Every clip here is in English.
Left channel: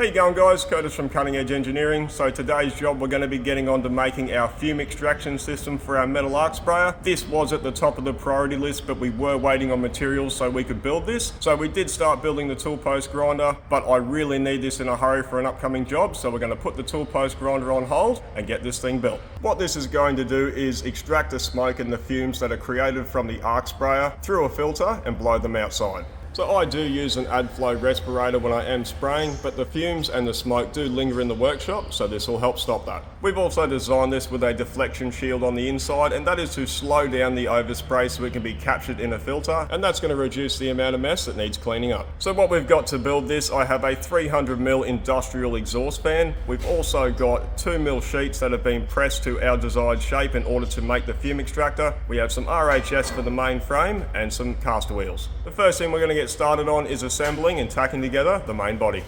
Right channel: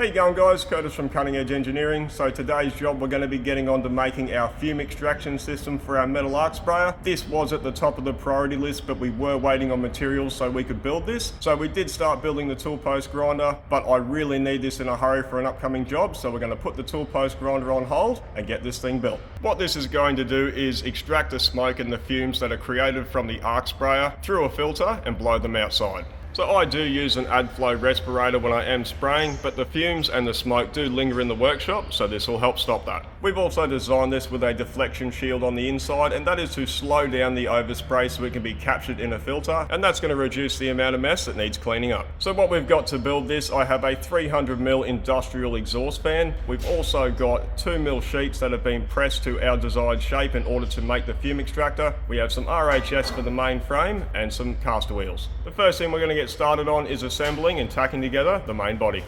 How you going, guys? Curtis from Cutting Edge Engineering. So today's job, we're going to be getting on to making our fume extraction system for our metal arc sprayer. This was at the top of the priority list, but we were waiting on materials so we could build this. So we did start building the tool post grinder, but I really need this in a hurry for an upcoming job. So we're going to put the tool post grinder on hold and get this thing built. What this is going to do is extract the smoke and the fumes that are created from the arc sprayer through a filter and blow them outside. So I do use an AdFlow respirator when I am spraying, but the fumes and the smoke do linger in the workshop, so this will help stop that. We've also designed this with a deflection shield on the inside, and that is to slow down the overspray so it can be captured in a filter, and that's going to reduce the amount of mess that needs cleaning up. So what we've got to build this, I have a 300mm industrial exhaust fan. We've also got 2mm sheets that have been pressed to our desired shape in order to make the fume extractor. We have some RHS for the main frame and some castor wheels. The first thing we're going to get started on is assembling and tacking together the main body.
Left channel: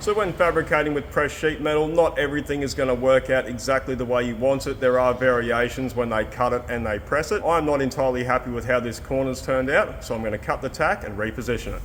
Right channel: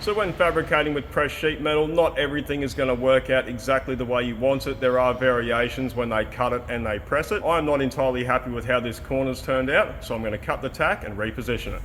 So when fabricating with pressed sheet metal, not everything is going to work out exactly the way you want it. There are variations when they cut it and they press it. I'm not entirely happy with how this corner's turned out, so I'm going to cut the tack and reposition it.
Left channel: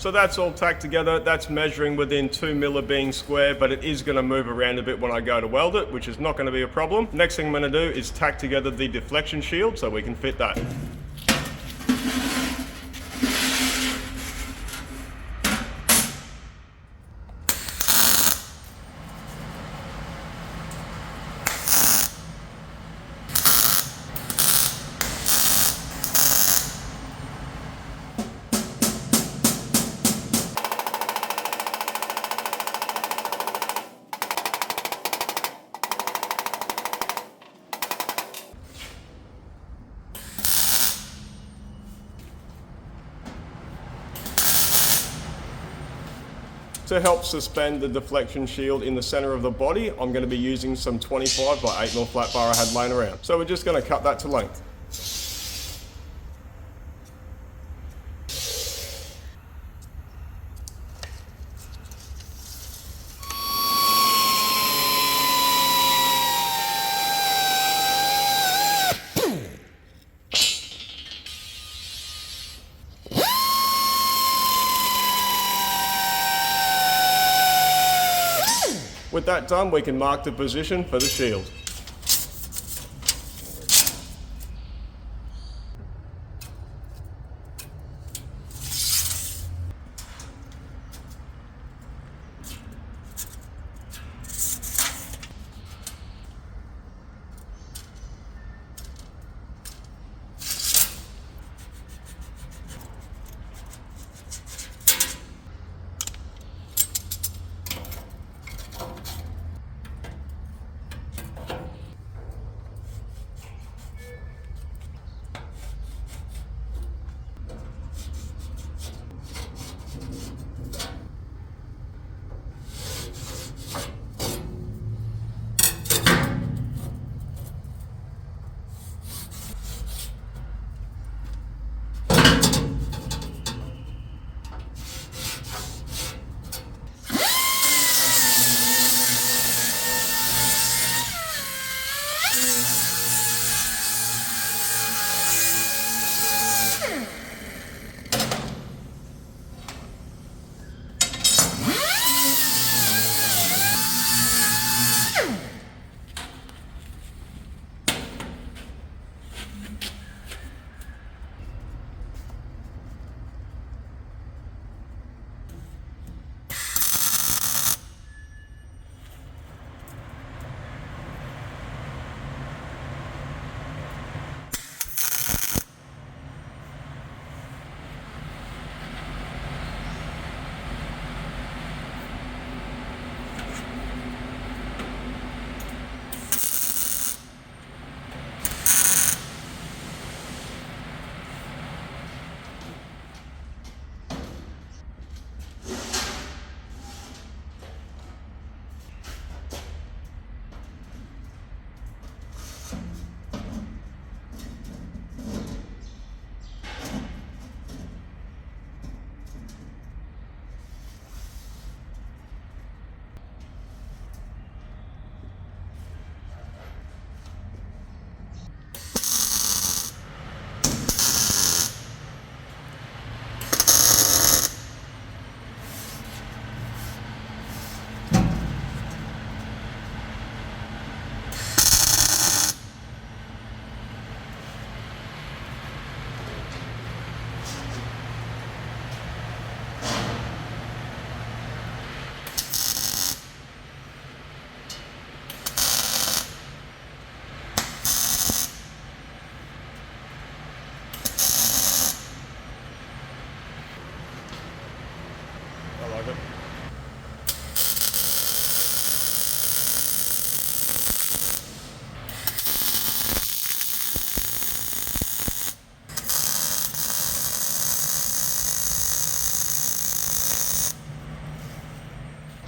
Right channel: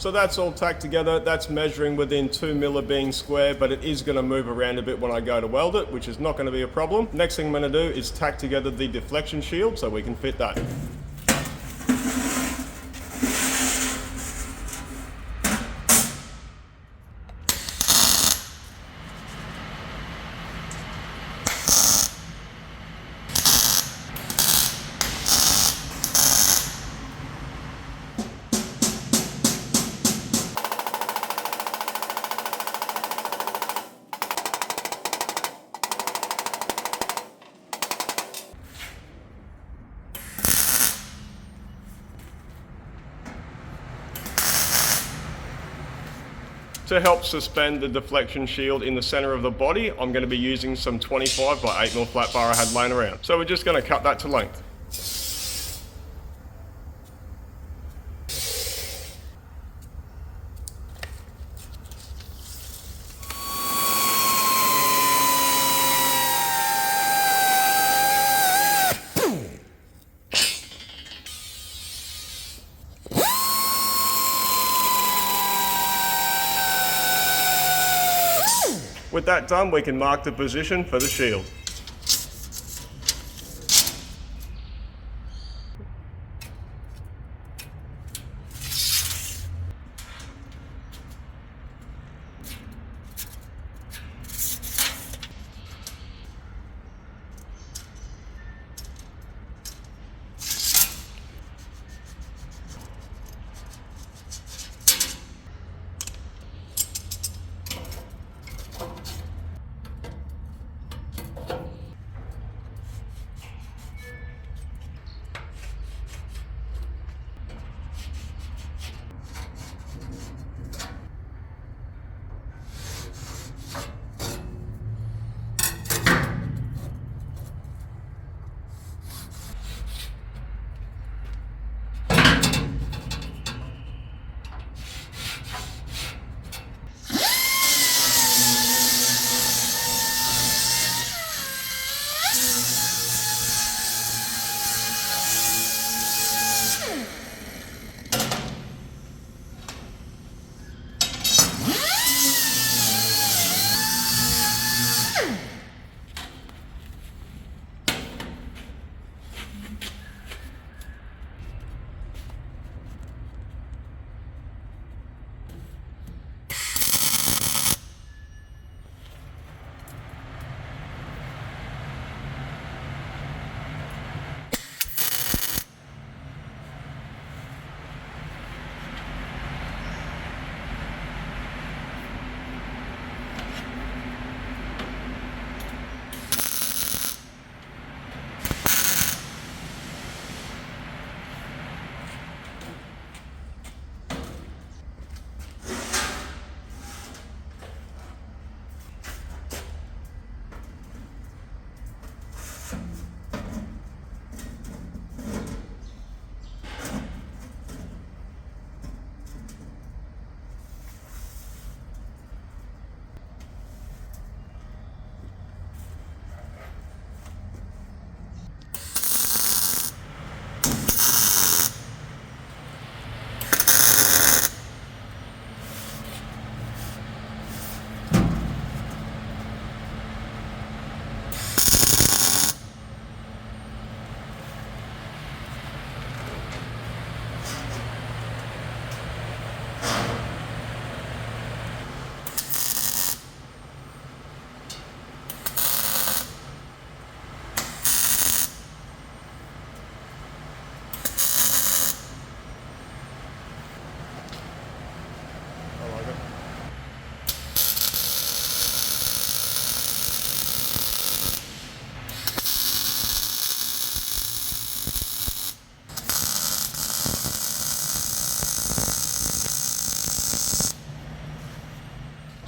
So that's all tacked together. That's measuring within 2 mil of being square, but it is going to move around a bit when I go to weld it, which is not going to be a problem. Next thing I'm going to do is tack together the deflection shield so we can fit that. To help suspend the deflection shield in the center of the body, I'm going to be using some 25 by 8mm flat bar I had laying around. So we're just going to cut that to length. With that done, we can mark the position for the shield.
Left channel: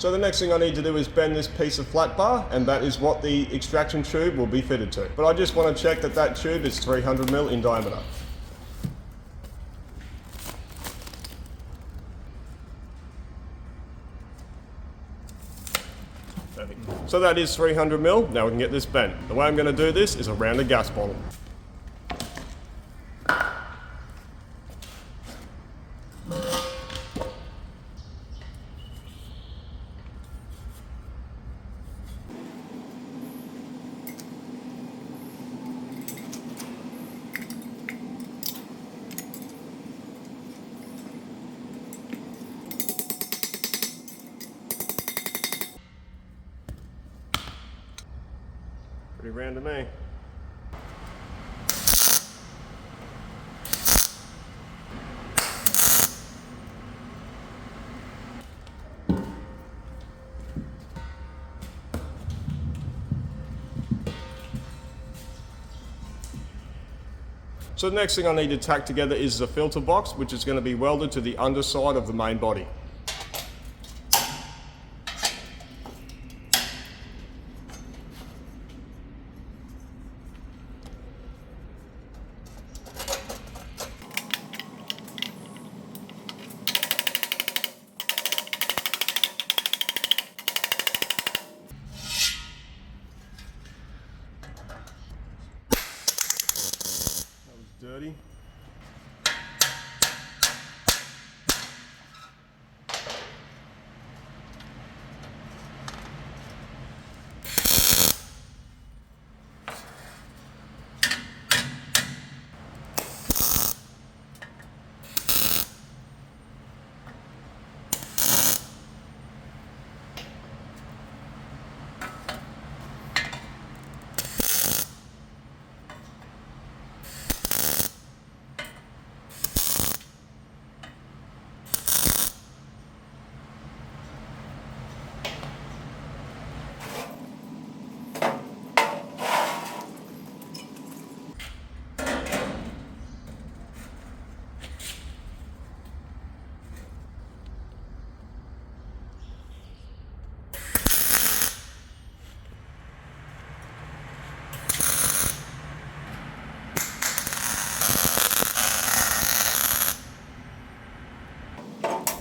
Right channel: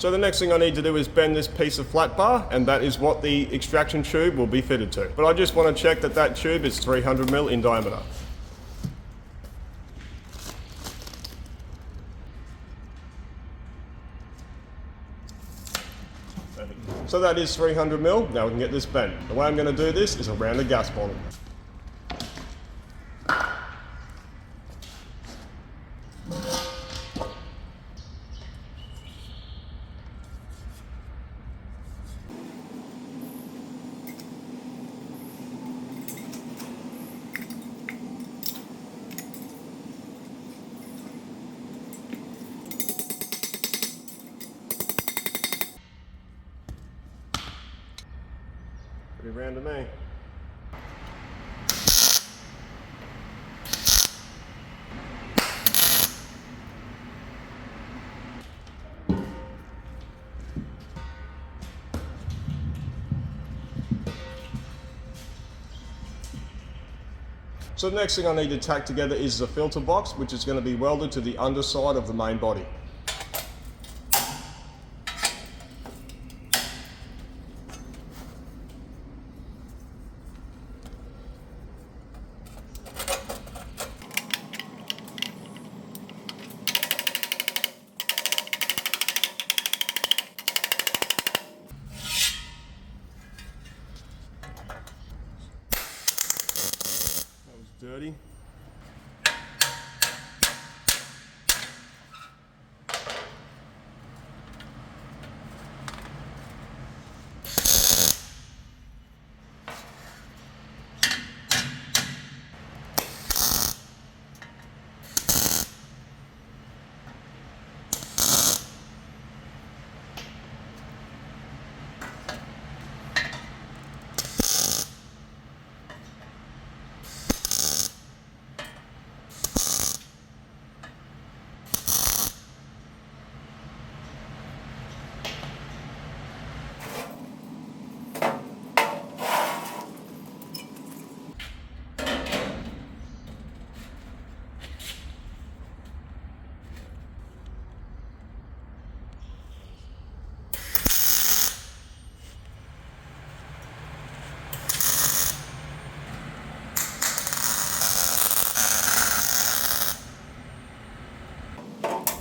So the next thing I need to do is bend this piece of flat bar, and that is what the extraction tube will be fitted to. But I just want to check that that tube is 300mm in diameter. So that is 300mm. Now we can get this bent. The way I'm going to do this is around a gas bottle. around to me. So the next thing I need to tack together is the filter box, which is going to be welded to the underside of the main body. Dirty.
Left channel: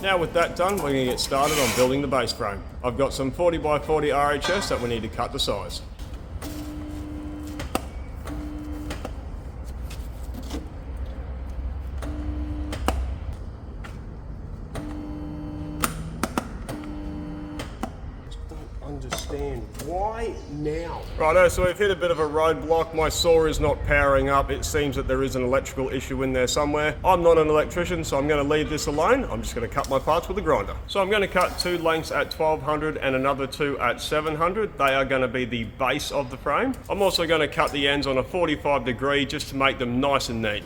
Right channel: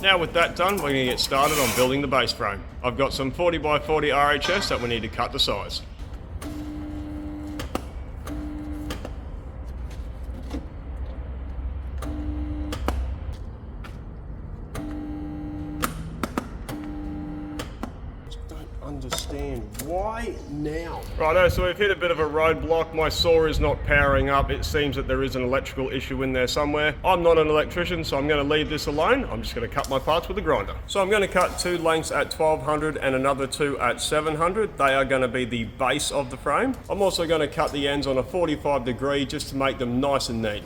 Now with that done, we're going to get started on building the base frame. I've got some 40 by 40 RHS that we need to cut to size. Understand why now. Righto, so we've hit a bit of a roadblock. My saw is not powering up. It seems that there is an electrical issue in there somewhere. I'm not an electrician, so I'm going to leave this alone. I'm just going to cut my parts with a grinder. So I'm going to cut 2 lengths at 1200 and another 2 at 700. They are going to be the base of the frame. I'm also going to cut the ends on a 45 degree just to make them nice and neat.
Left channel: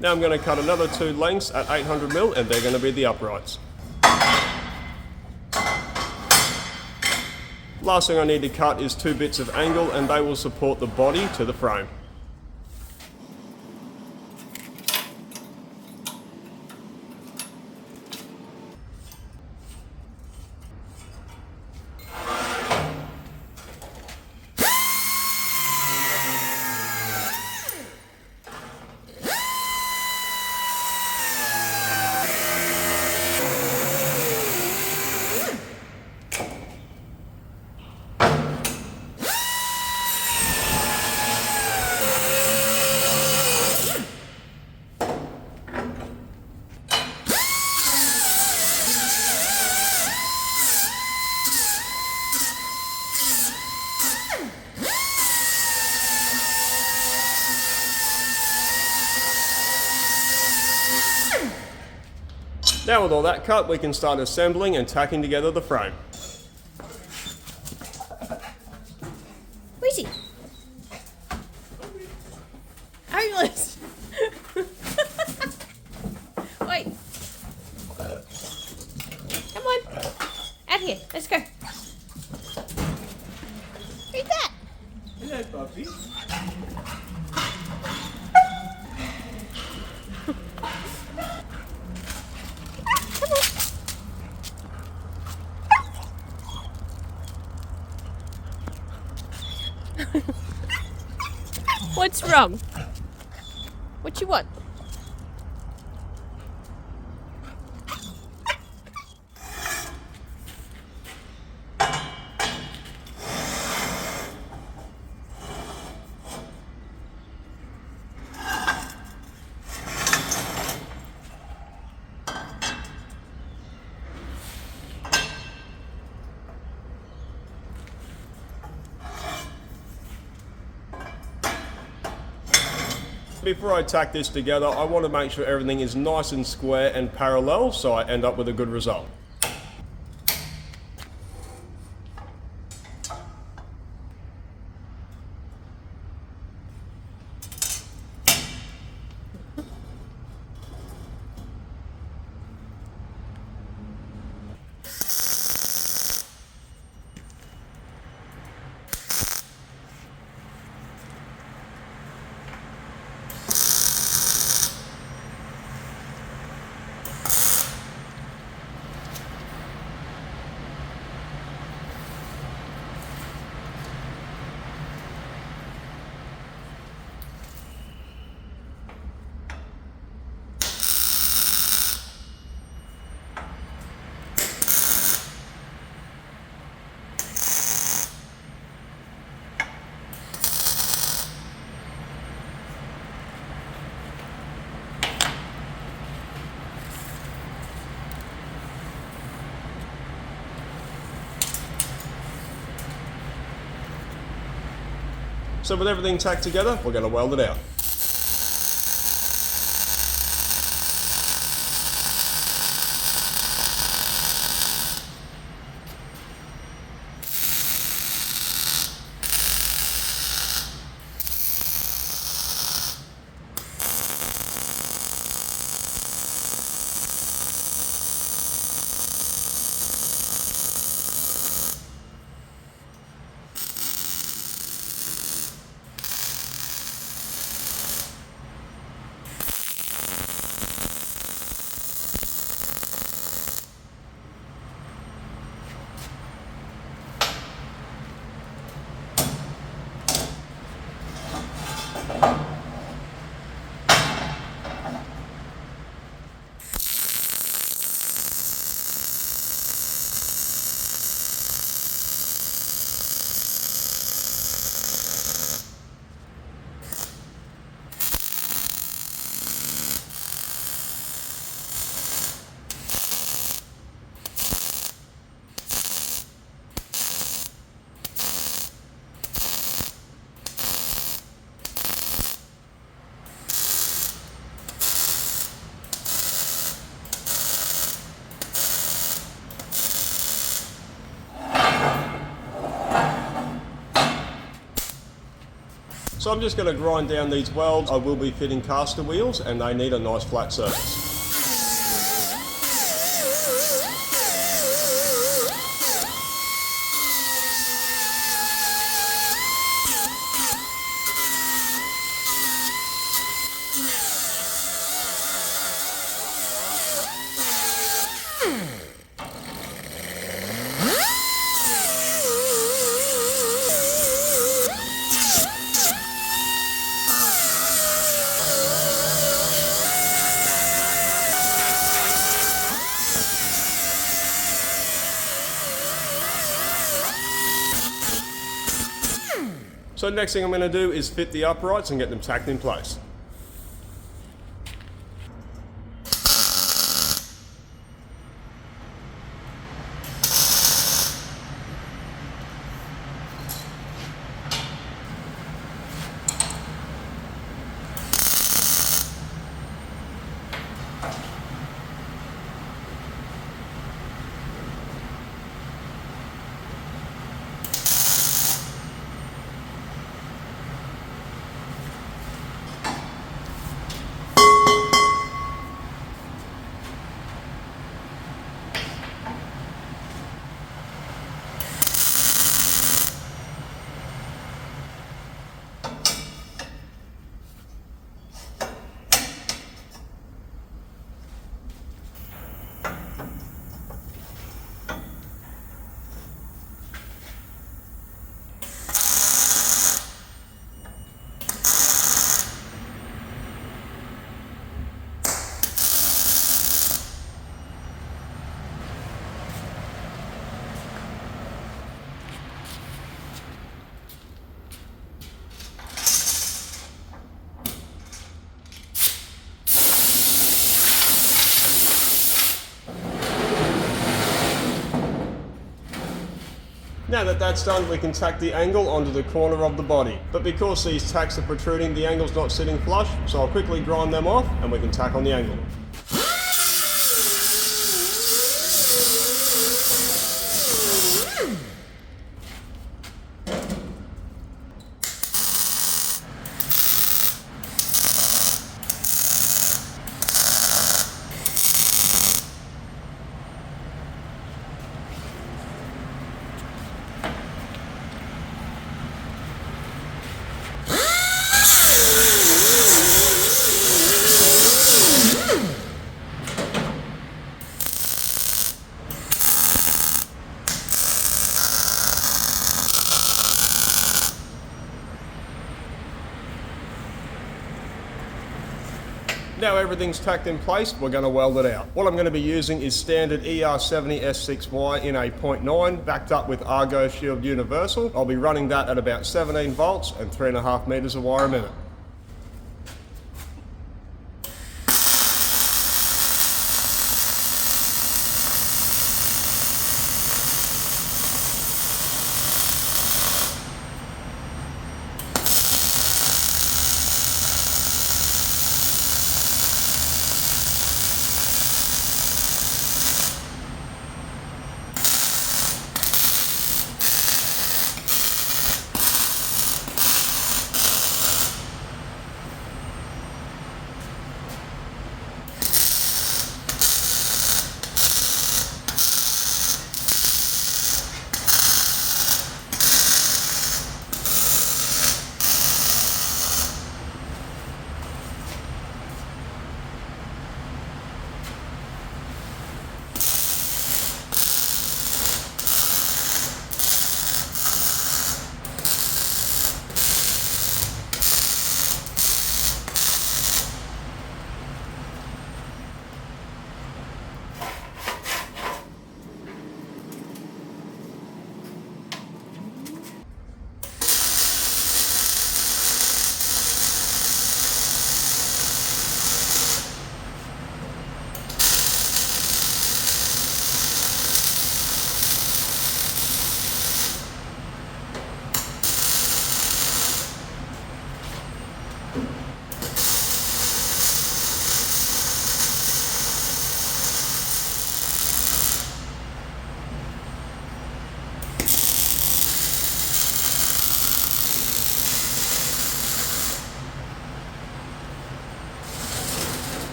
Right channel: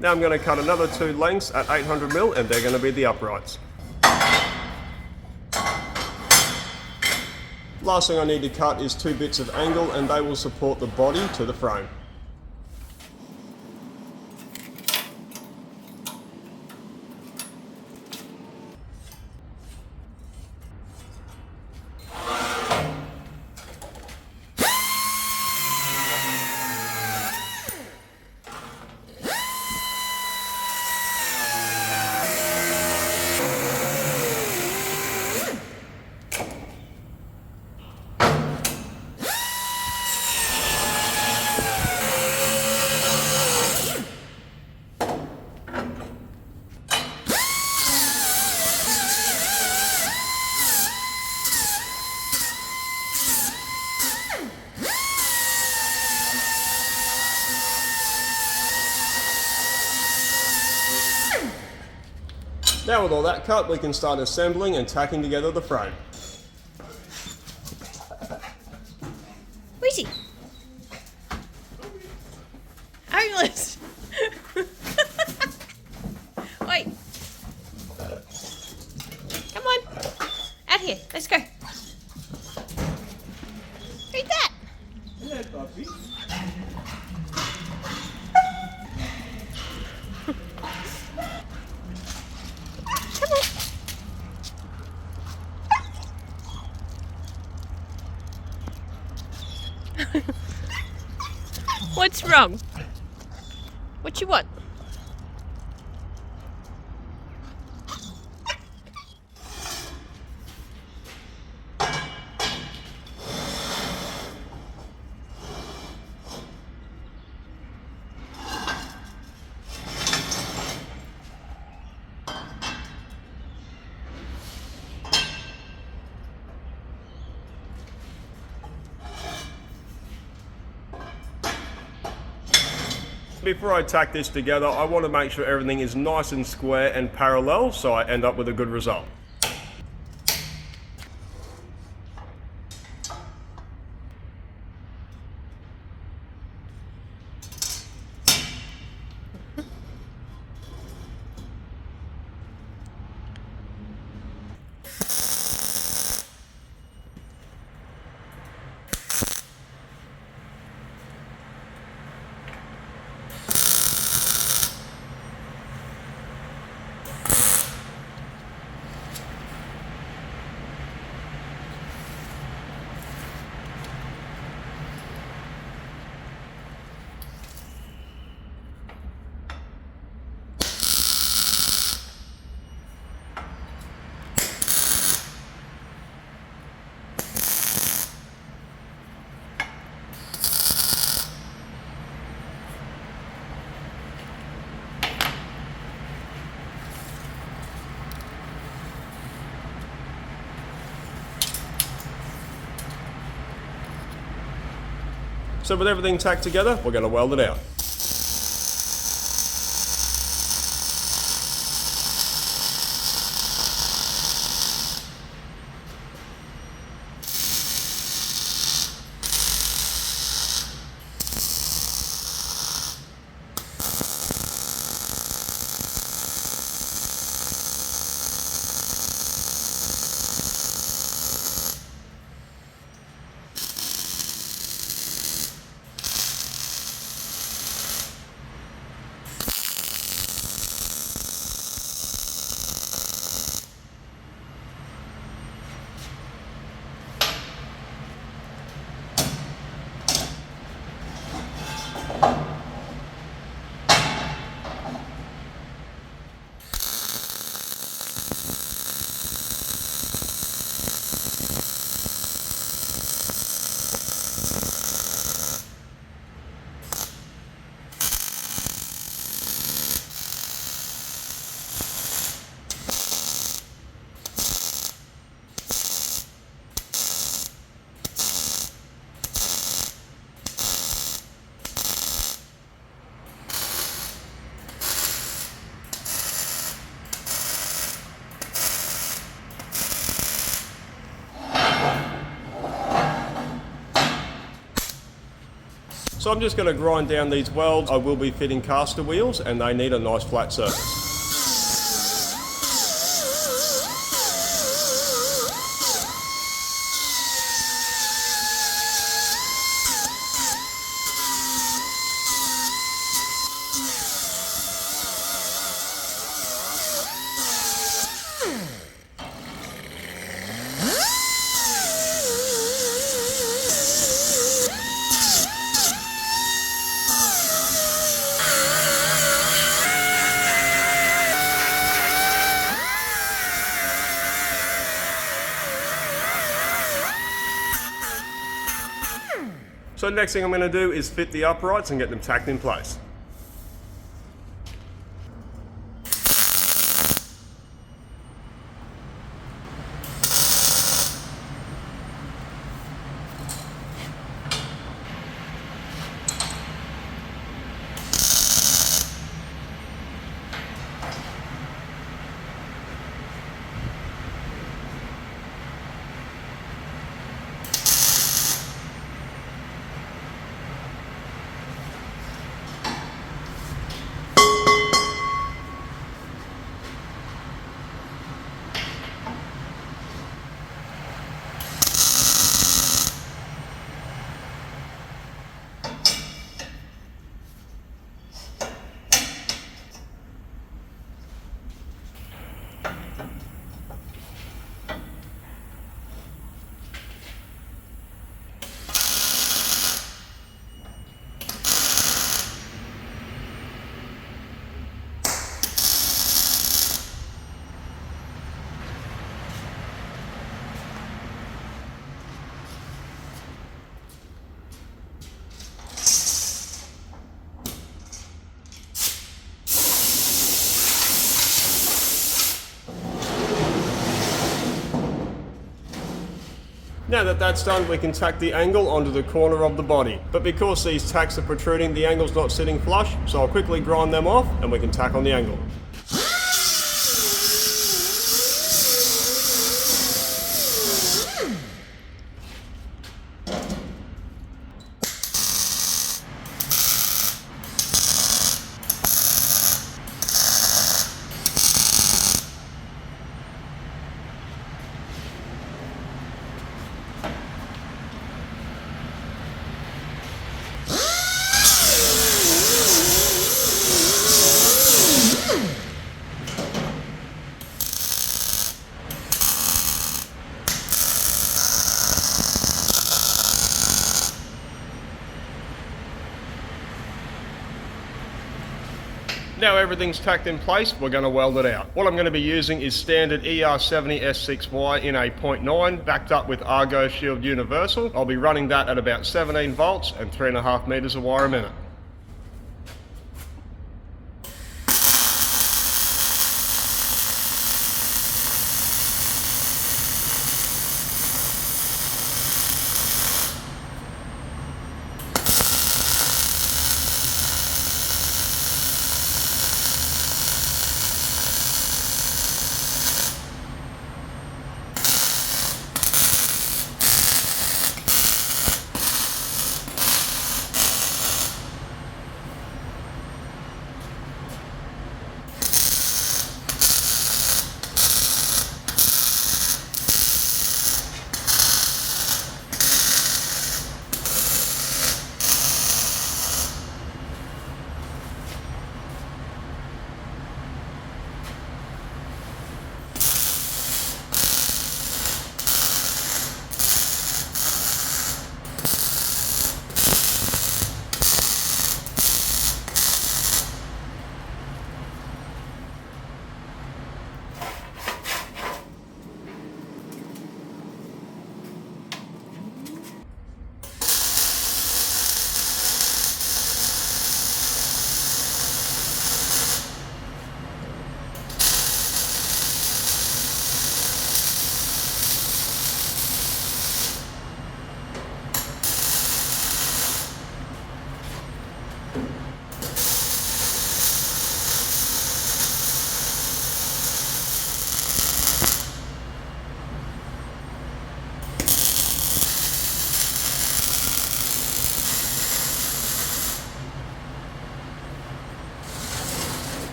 Now I'm going to cut another 2 lengths at 800mm and they're going to be the uprights. Last thing I need to cut is 2 bits of angle and they will support the body to the frame. Now with all that cut, we can start assembling and tacking together the frame. Where is he? Homeless! Wait. Come on. Out here. Let's go. Who's that? Hello, puppy. What's wrong? What you want? Before I tack this together, I want to make sure everything is nice and square and parallel so I end up with a good result. So with everything tacked together, we're going to weld it out. So I'm just going to grind down these welds. I will be fitting caster wheels and they need a nice flat surface. So next thing I'm going to do is fit the uprights and get them tacked in place. Now that that's done, we can tack the angle onto the corner of the body. But because these tacks are protruding, the angle's not sitting flush, so I'll quickly grind them off and we can tack on the angle. Now everything's tacked in place, we're going to weld it out. What I'm going to be using is standard ER70 S6Y in a 0.9, backed up with Argo Shield Universal. I'll be running that at about 17 volts and 3.5 meters of wire a minute.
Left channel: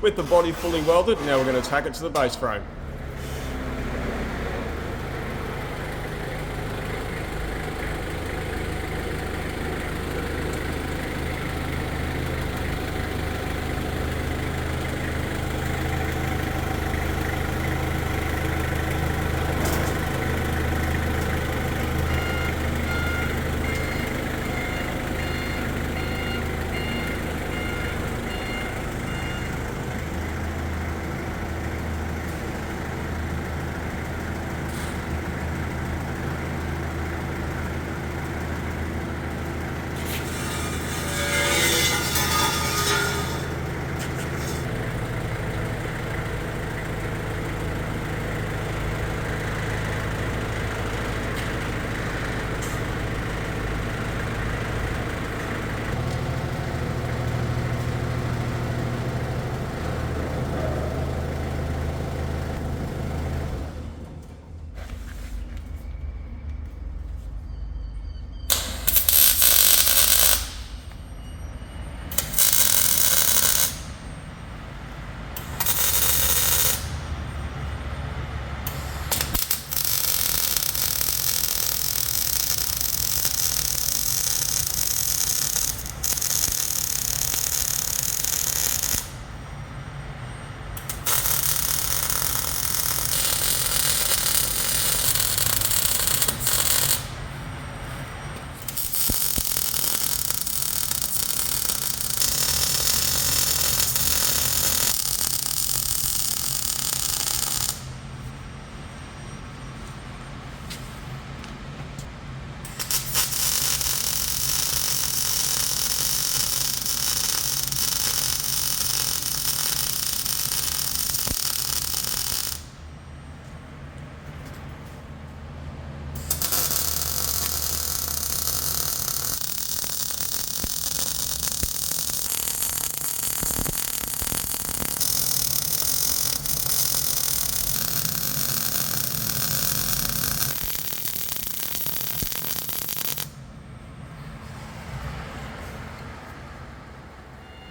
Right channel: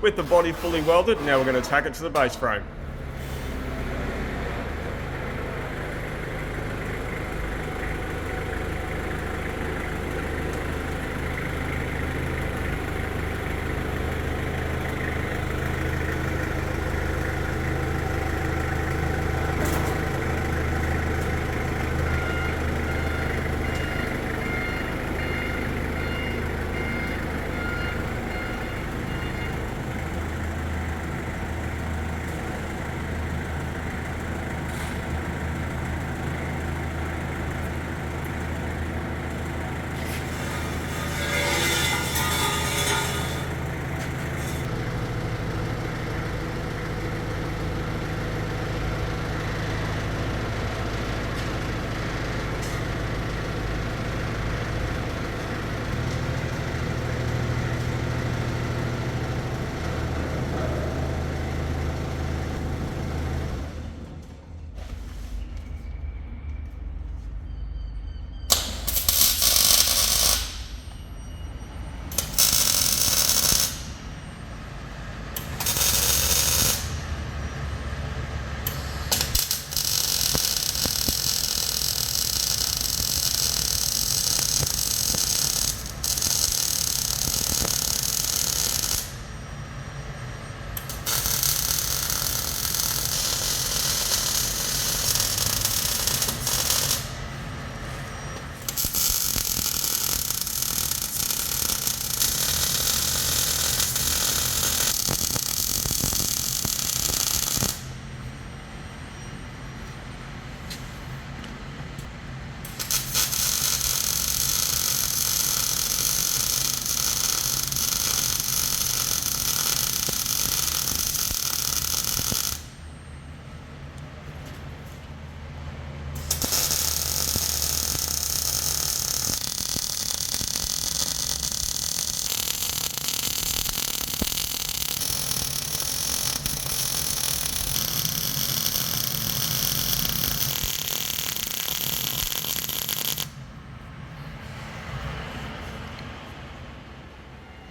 With the body fully welded, now we're going to tack it to the base frame.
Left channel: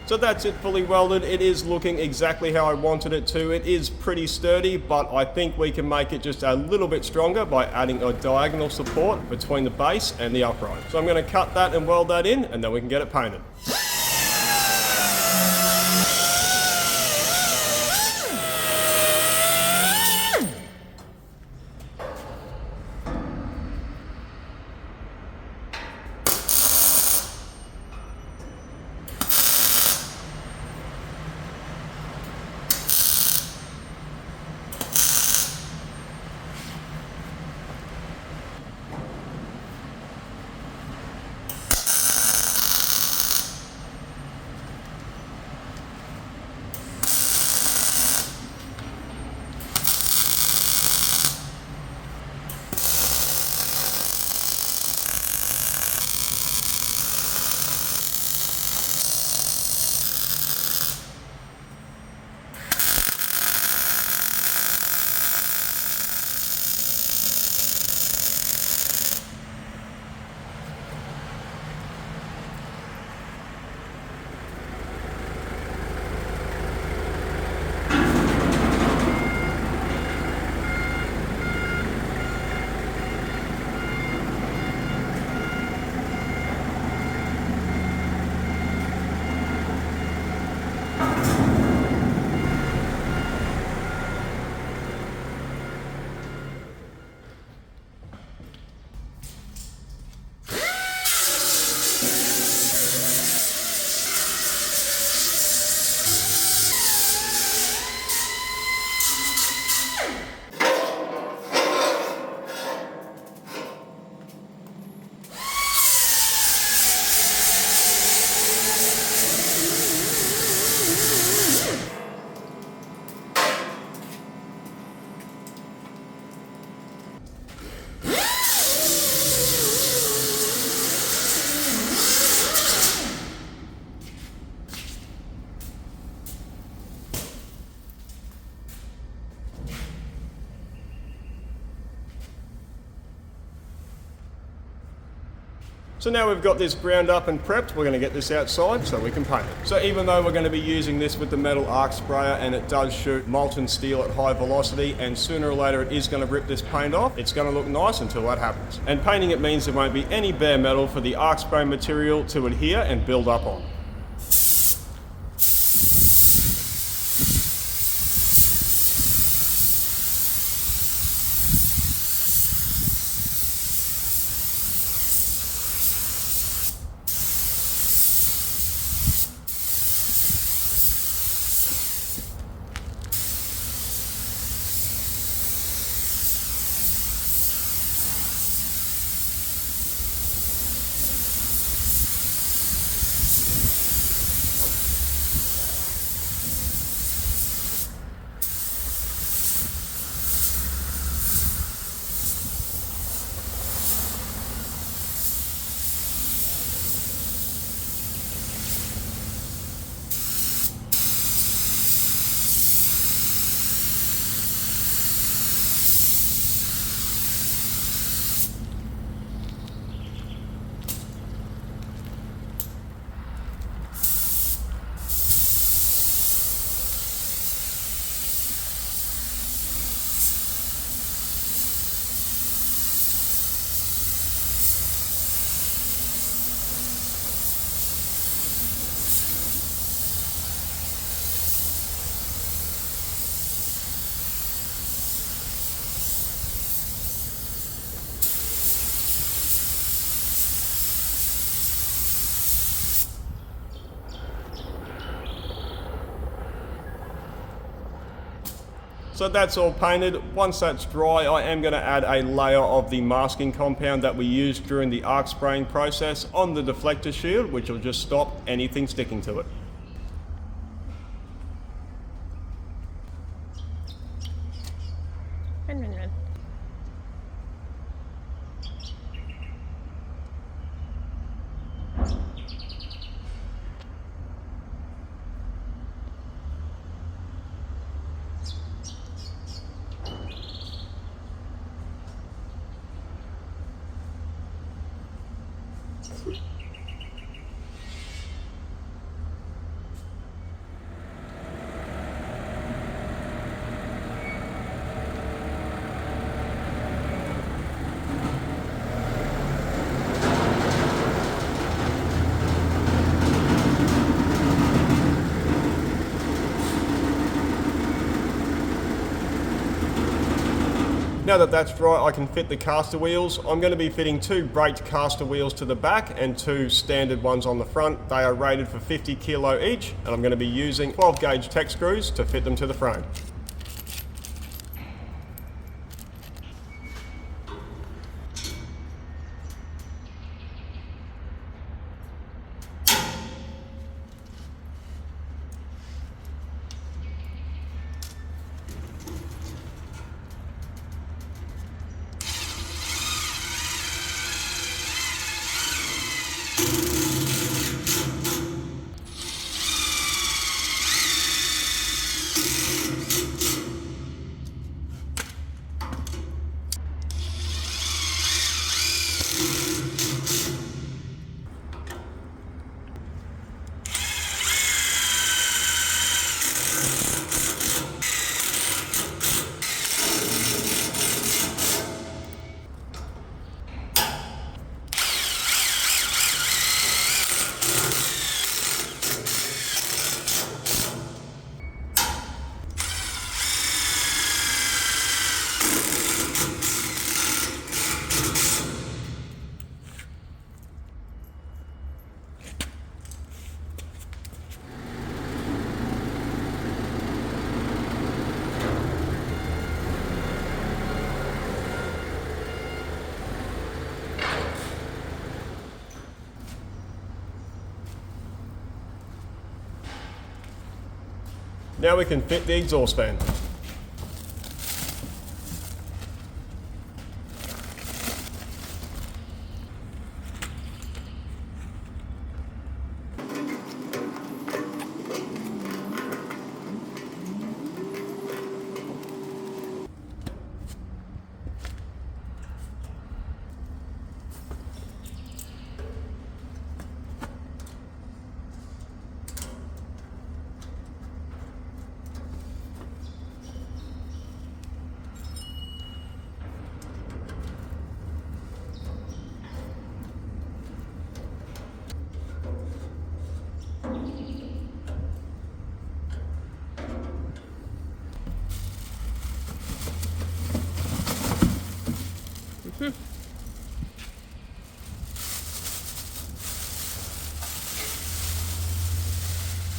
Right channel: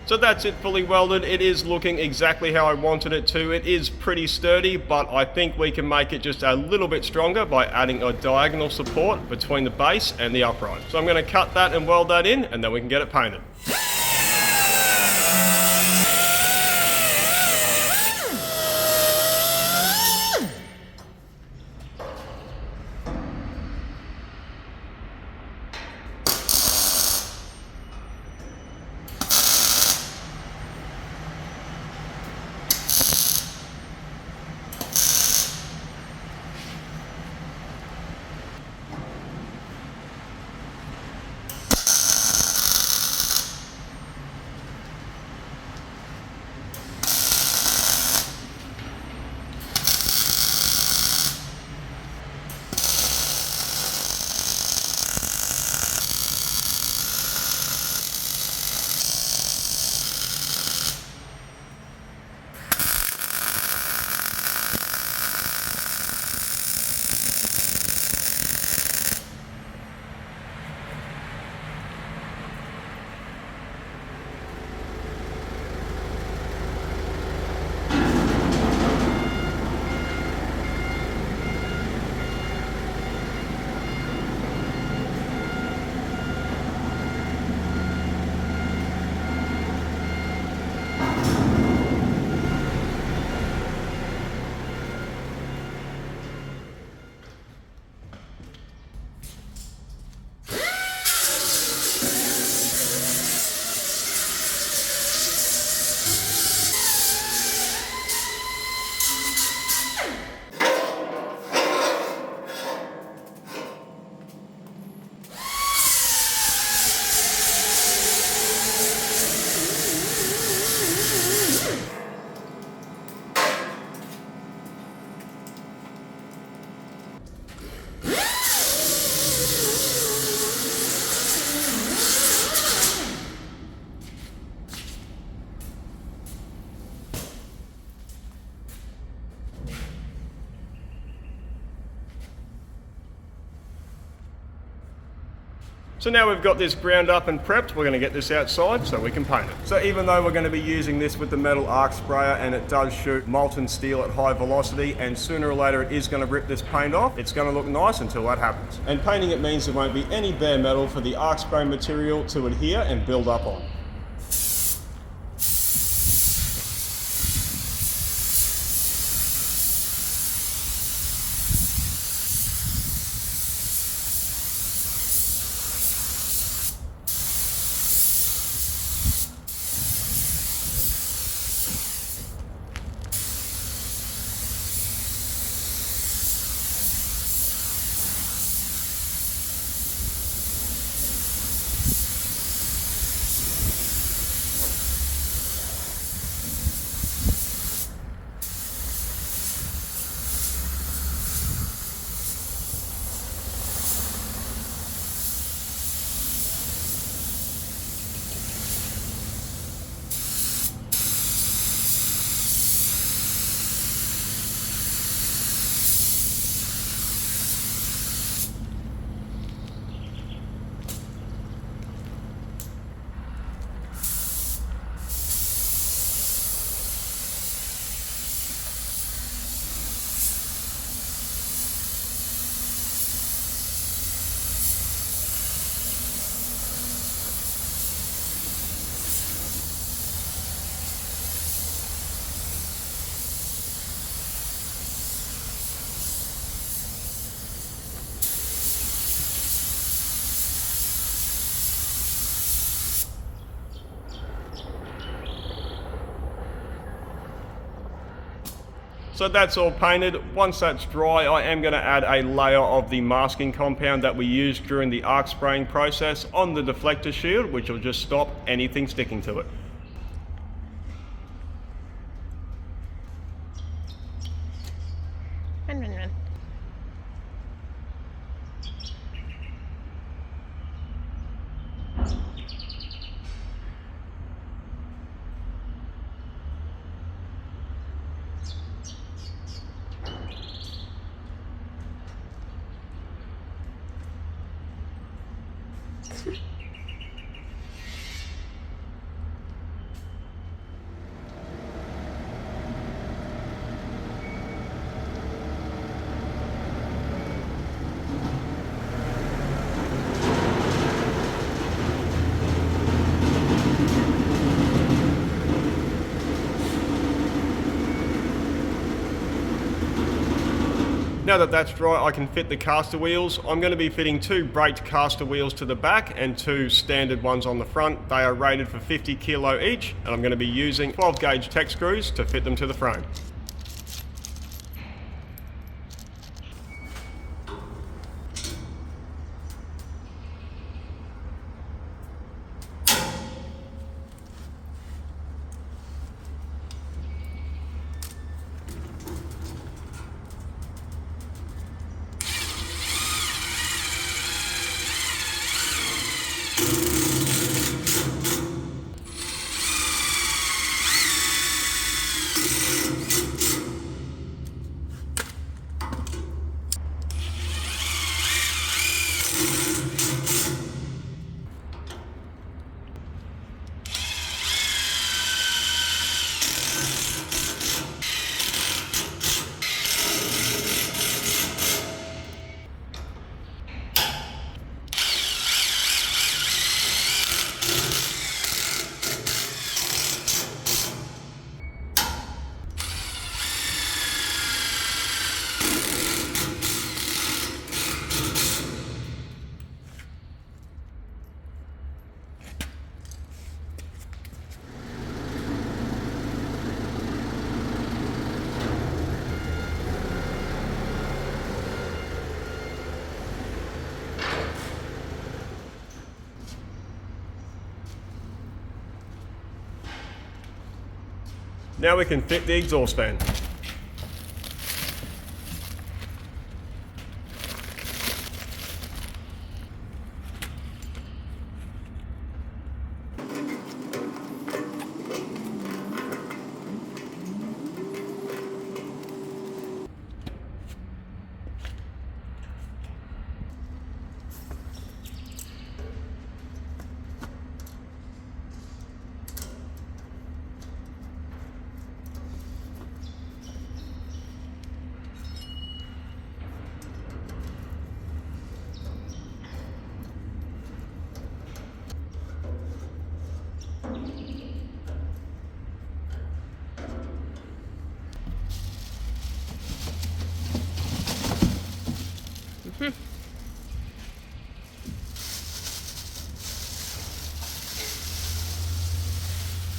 So that's it, fully welded. It is looking exactly how I wanted it to. It is pretty sturdy, but I think we can make it just a little bit stronger by adding a diagonal support between the base and the upright. So I'm going to cut that and weld that in, and then we can get it painted. So now we've got this ground up and prepped, we're going to get this outside so we can paint it. So even though we're going to be using this with the metal arc sprayer and it does shoot molten steel at high velocity, and sooner or later it is going to rip this paint off, it's going to look nice until that happens. And painting it means there won't be any bare metal for the arc spray material to adhere and build up on. So that's all painted. Once that's dry, I am going to add a layer of the masking compound that we used during the arc spraying process on the deflector shield, which will just stop anything sticking to it. Run. Now that that's dry, I can fit the castor wheels. I'm going to be fitting 2 braked castor wheels to the back and 2 standard ones on the front. They are rated for 50 kilo each, and I'm going to be using 12 gauge tech screws to fit them to the frame. Now we can fit the exhaust fan.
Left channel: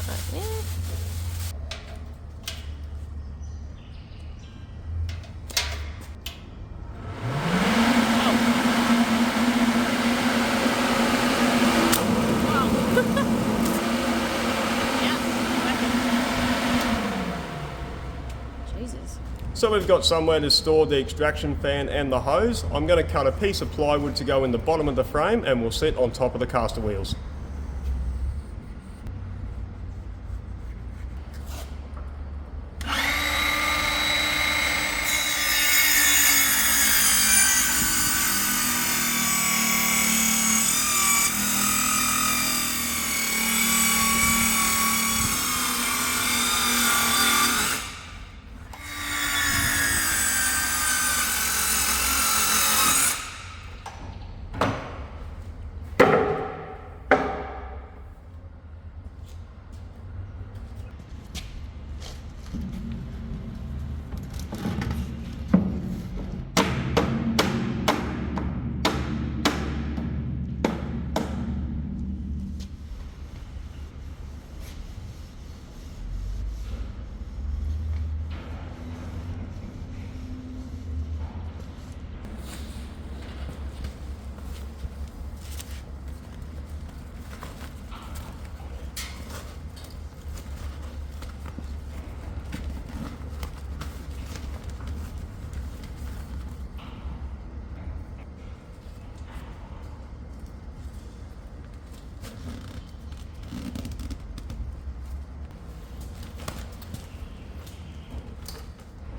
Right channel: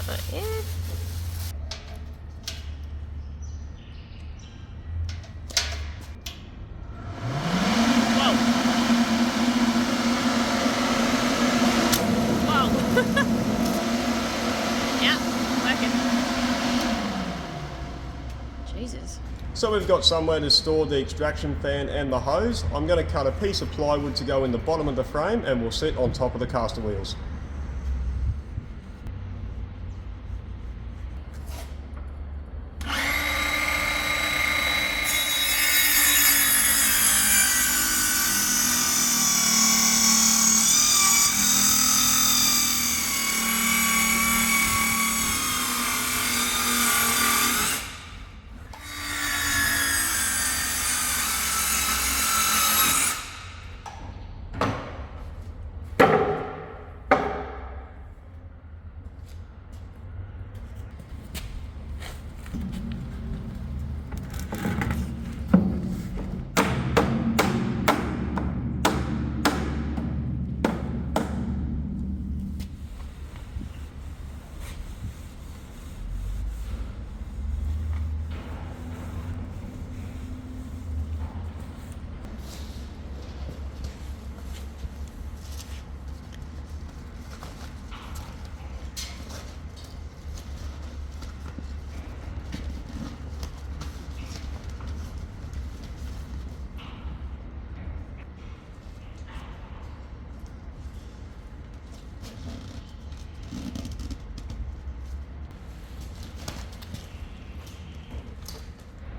But yeah. So we've got somewhere to store the extraction fan and the hose. I'm going to cut a piece of plywood to go in the bottom of the frame and we'll sit on top of the caster wheels.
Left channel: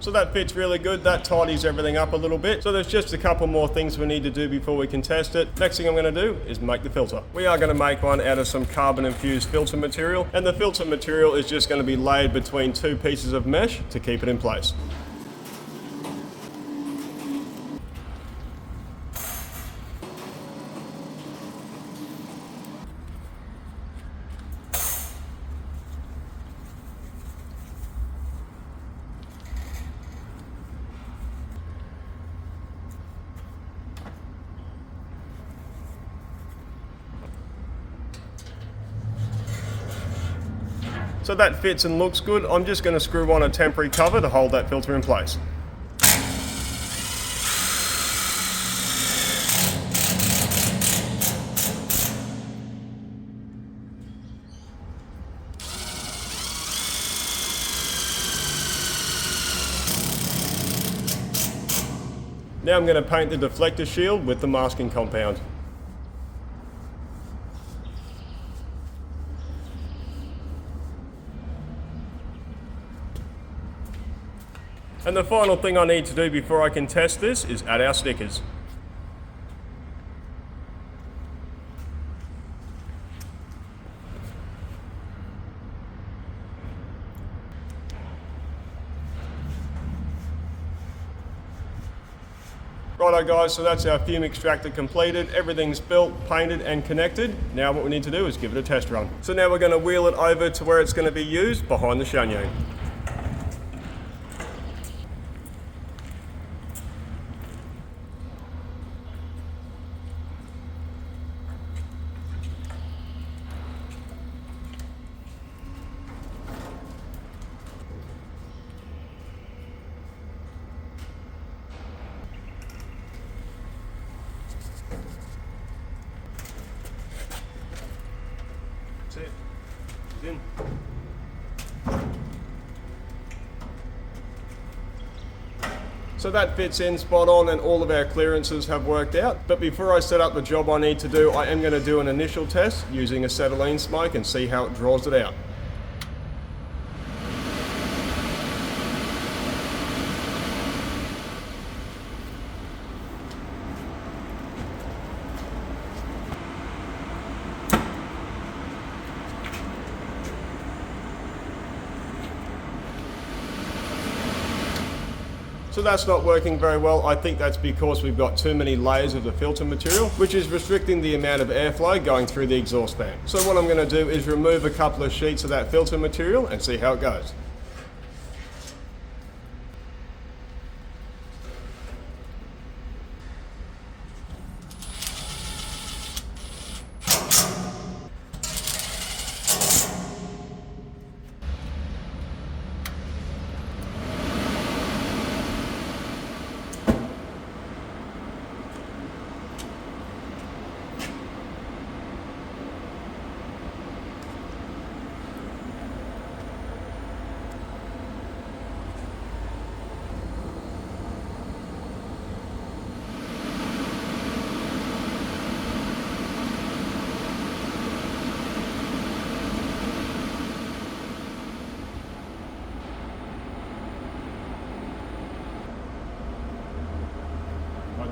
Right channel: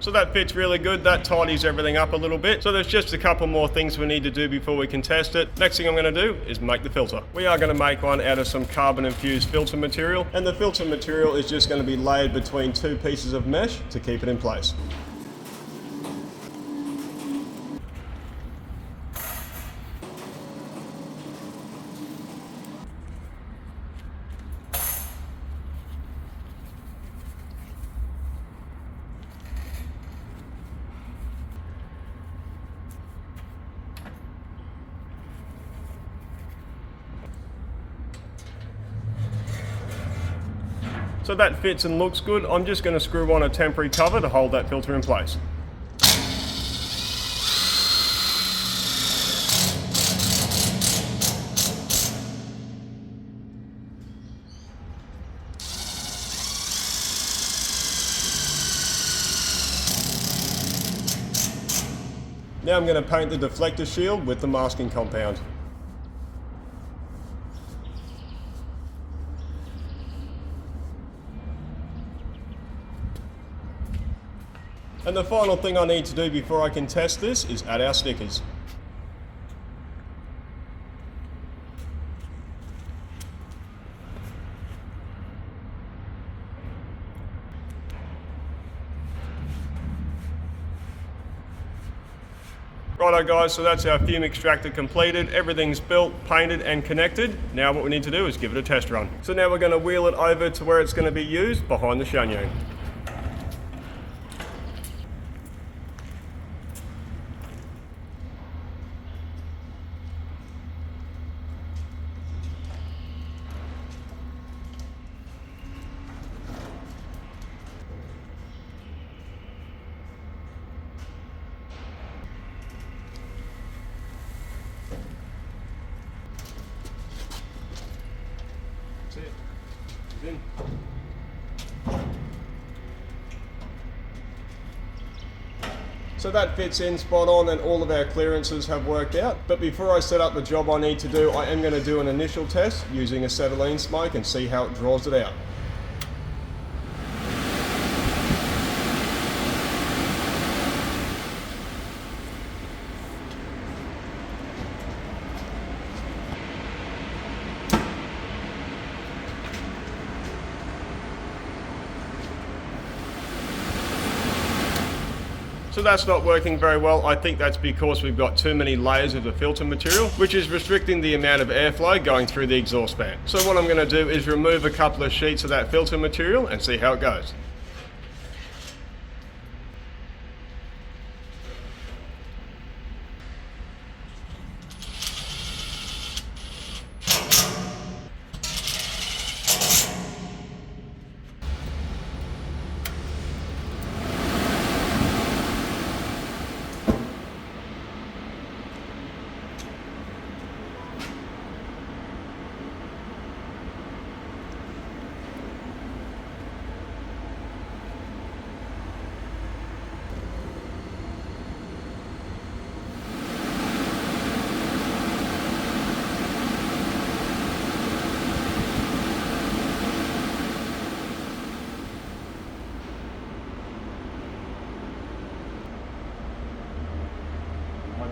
So that fits really good, that tidies everything up a little bit. So there's just a couple more things we need to do before we can test it. Next thing I'm going to do is make the filter. We are going to make one out of some carbon infused filter material, and the filter material is just going to be laid between two pieces of mesh to keep it in place. So that fits and looks good. I'm just going to screw on a temporary cover to hold that filter in place. Now I'm going to paint the deflector shield with the masking compound. And the final thing I need to do before I can test this is add our stickers. Righto guys, so that's our fume extractor completed. Everything's built, painted and connected. Now what we need to do is give it a test run. So now we're going to wheel it over to where it's going to be used, behind the chanion. In. So that fits in spot on and all of our clearances have worked out. But before I set up the job I need to do, I am going to do an initial test using acetylene smoke and see how it draws it out. So that's not working very well. I think that's because we've got too many layers of the filter material, which is restricting the amount of airflow going through the exhaust fan. So what I'm going to do is remove a couple of sheets of that filter material and see how it goes.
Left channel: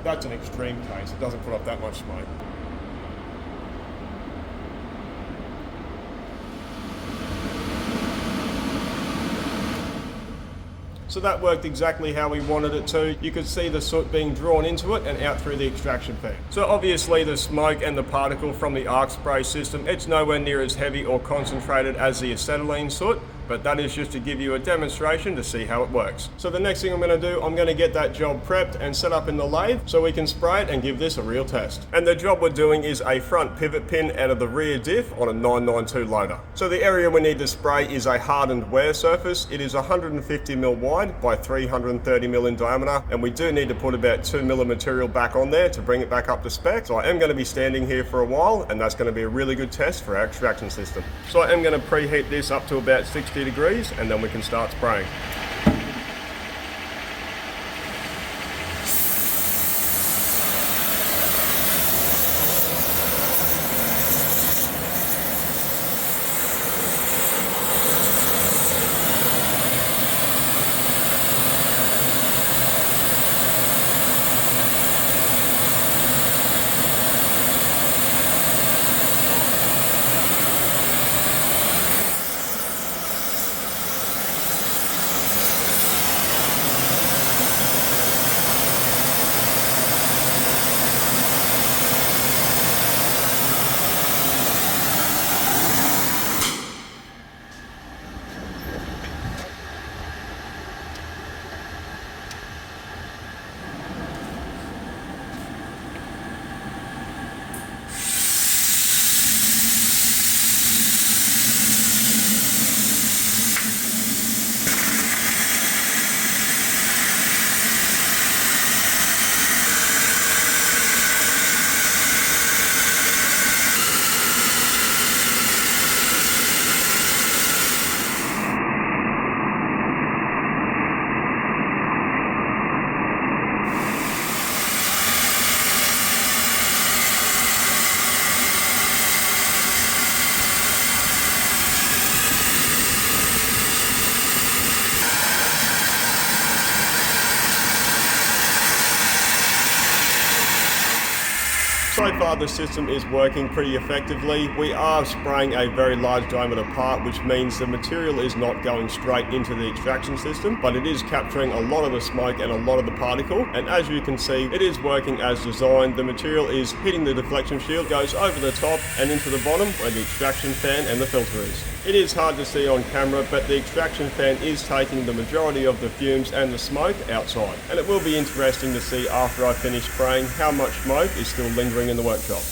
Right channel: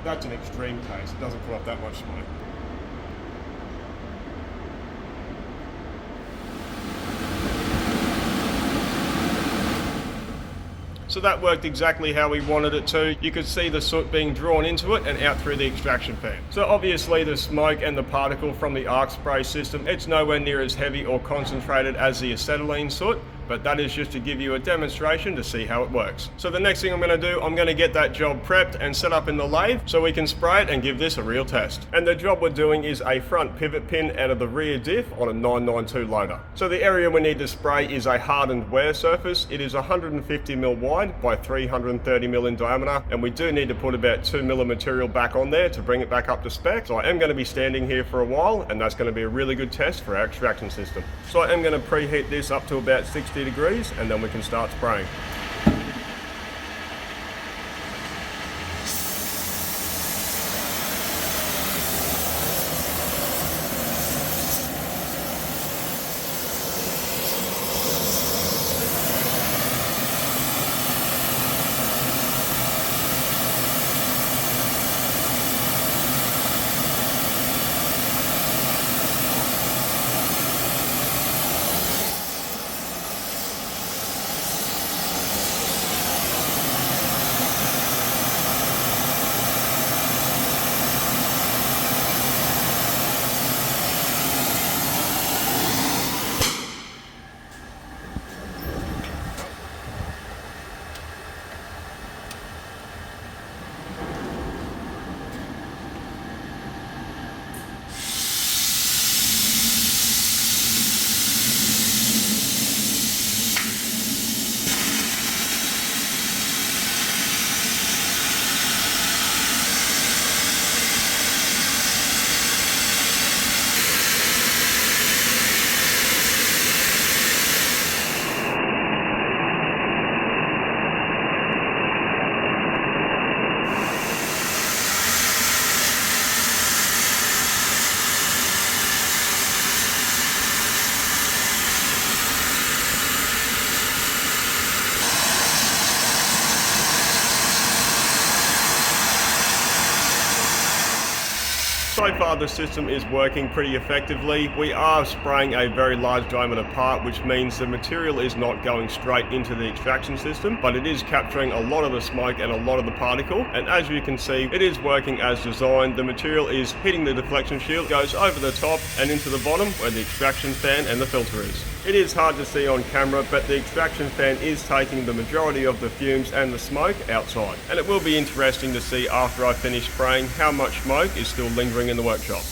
that's an extreme case. It doesn't put up that much smoke. So that worked exactly how we wanted it to. You could see the soot being drawn into it and out through the extraction fan. So obviously the smoke and the particle from the arc spray system, it's nowhere near as heavy or concentrated as the acetylene soot, but that is just to give you a demonstration to see how it works. So the next thing I'm going to do, I'm going to get that job prepped and set up in the lathe so we can spray it and give this a real test. And the job we're doing is a front pivot pin out of the rear diff on a 992 loader. So the area we need to spray is a hardened wear surface. It is 150mm wide by 330mm in diameter, and we do need to put about 2mm of material back on there to bring it back up to spec. So I am going to be standing here for a while, and that's going to be a really good test for our extraction system. So I am going to preheat this up to about 60 degrees, and then we can start spraying. So far the system is working pretty effectively. We are spraying a very large diameter part, which means the material is not going straight into the extraction system, but it is capturing a lot of the smoke and a lot of the particle. And as you can see, it is working as designed. The material is hitting the deflection shield, goes over the top and into the bottom where the extraction fan and the filter is. It is hard to see on camera, but the extraction fan is taking the majority of the fumes and the smoke outside. And it will be interesting to see after I finish spraying how much smoke is still lingering in the workshop.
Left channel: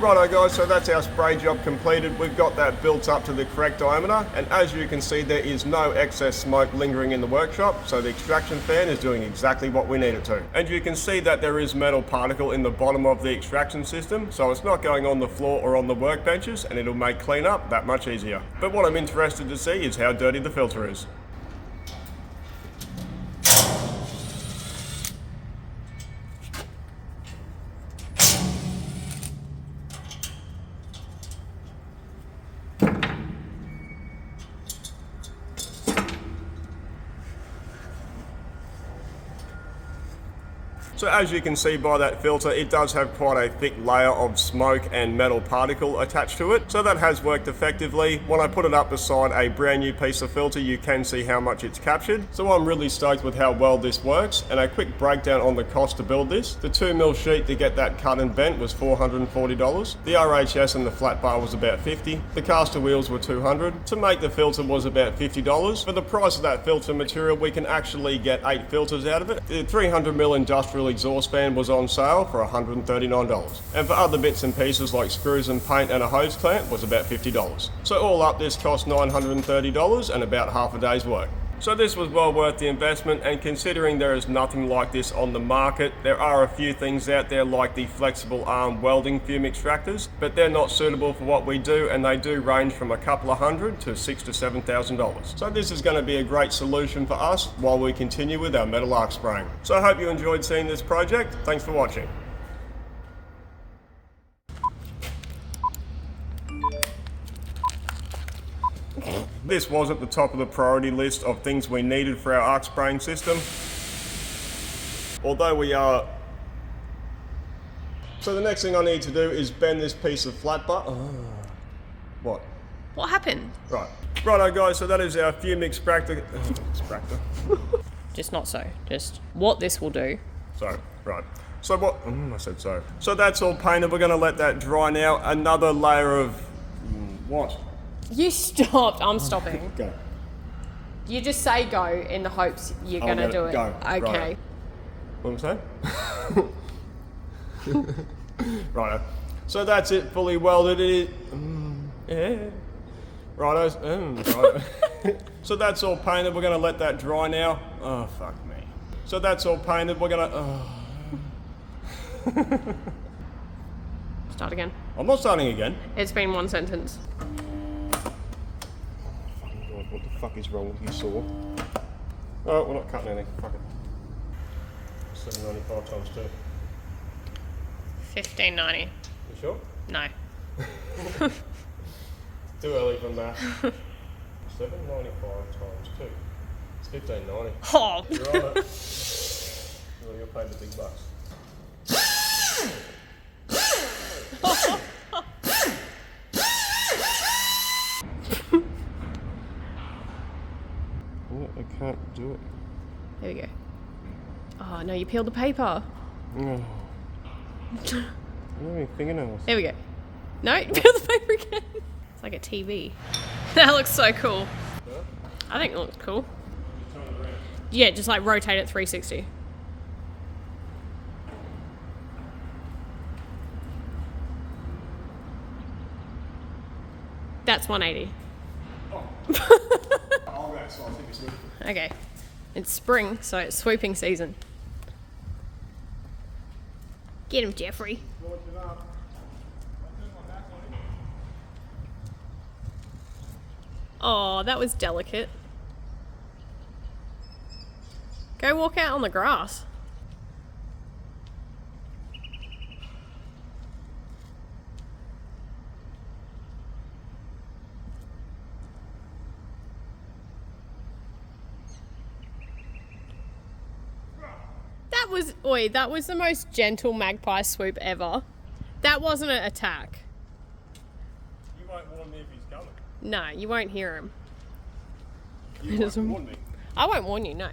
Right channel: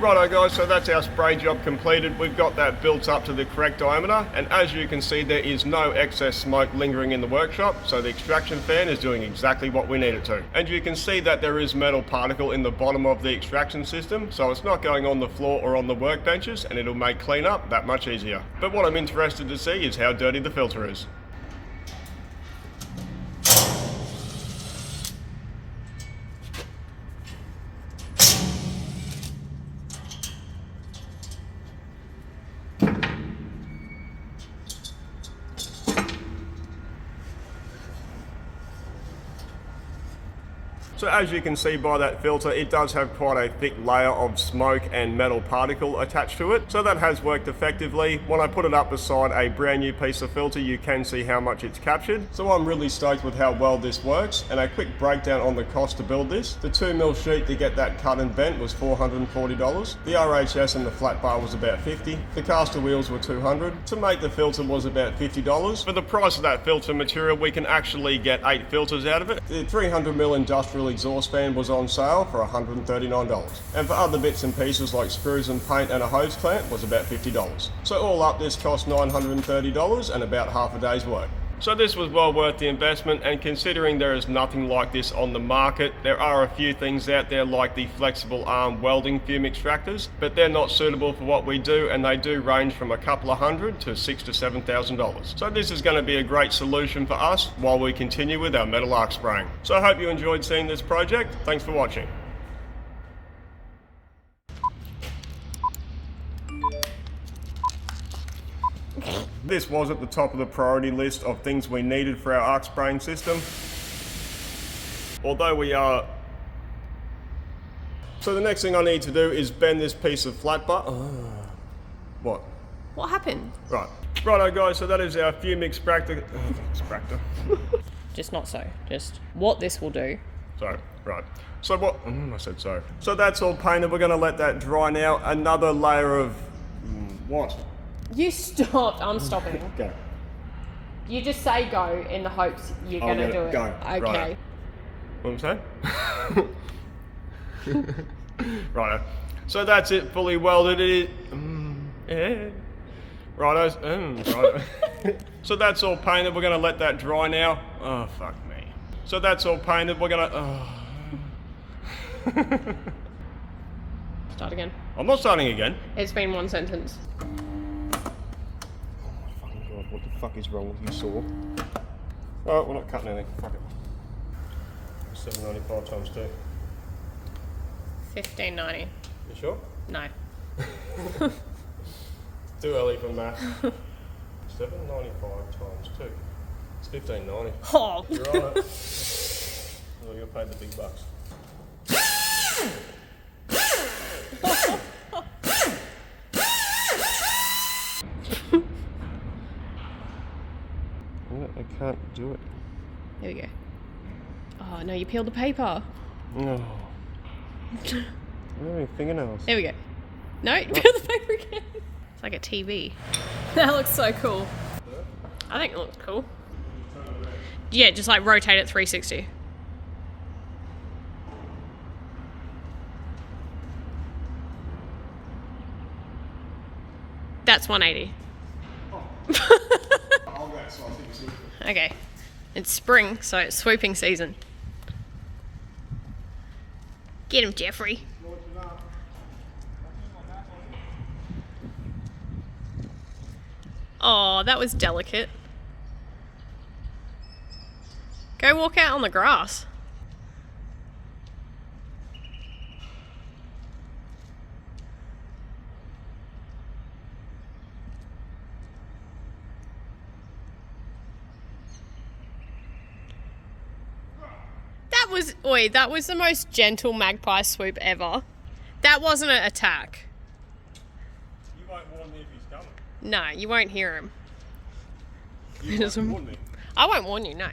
Righto guys, so that's our spray job completed. We've got that built up to the correct diameter, and as you can see there is no excess smoke lingering in the workshop, so the extraction fan is doing exactly what we need it to. And you can see that there is metal particle in the bottom of the extraction system, so it's not going on the floor or on the workbenches, and it'll make cleanup that much easier. But what I'm interested to see is how dirty the filter is. So as you can see by that filter, it does have quite a thick layer of smoke and metal particle attached to it. So that has worked effectively. When I put it up beside a brand new piece of filter, you can see how much it's captured. So I'm really stoked with how well this works. And a quick breakdown on the cost to build this. The 2mm sheet to get that cut and bent was $440. The RHS and the flat bar was about $50. The castor wheels were $200. To make the filter was about $50. For the price of that filter material, we can actually get 8 filters out of it. The 300mm industrial exhaust fan was on sale for $139. And for other bits and pieces like screws and paint and a hose clamp was about $50. So all up, this cost $930 and about half a day's work. So this was well worth the investment, and considering there is nothing like this on the market, there are a few things out there like the flexible arm welding fume extractors, but they're not suitable for what we do, and they do range from a couple of hundred to $6,000 to $7,000. So this is going to be a great solution for us while we continue with our metal arc spraying. So I hope you enjoyed seeing this project. Thanks for watching. This was at the top of the priority list of things we needed for our arc spraying system. Although we are... So the next thing I need to do is bend this piece of flat bar. What? What happened? Right. Righto guys, so that is our fume extractor. Just not so. Just what this will do. So, right. So what... I said so. So that's all painted. We're going to let that dry now. Another layer of... what? You stopped. I'm stopping. Go. You just say go in the hopes you're going to do it. Go. Okay. Right. What am I saying? Righto. So that's it, fully welded. It is... Righto. Righto. So that's all painted. We're going to let that dry now. Oh, fuck me. So that's all painted. We're going to... Start again. I'm not starting again. It's been one sentence. What the fuck is wrong with you, saw? Alright, we're not cutting anything. Fuck it. $7.95 times 2. $15.90. You sure? No. Too early for math. $7.95 times 2. It's $15.90. Oh. You're on it. Well, you're paid the big bucks. I can't do it. There we go. Oh no, you peeled the paper. No. I don't have any fingernails. There we go. No, you peeled the paper again. It's like a TV. That looks so cool. I think it looks cool. Yeah, just like rotate it 360. That's 180. Okay. It's spring, so it's swooping season. Get him, Jeffrey. Oh, that was delicate. Go walk out on the grass. That was the most gentle magpie swoop ever. That wasn't an attack. You won't warn me if he's coming. No, you won't hear him. You won't warn me. I won't warn you, no.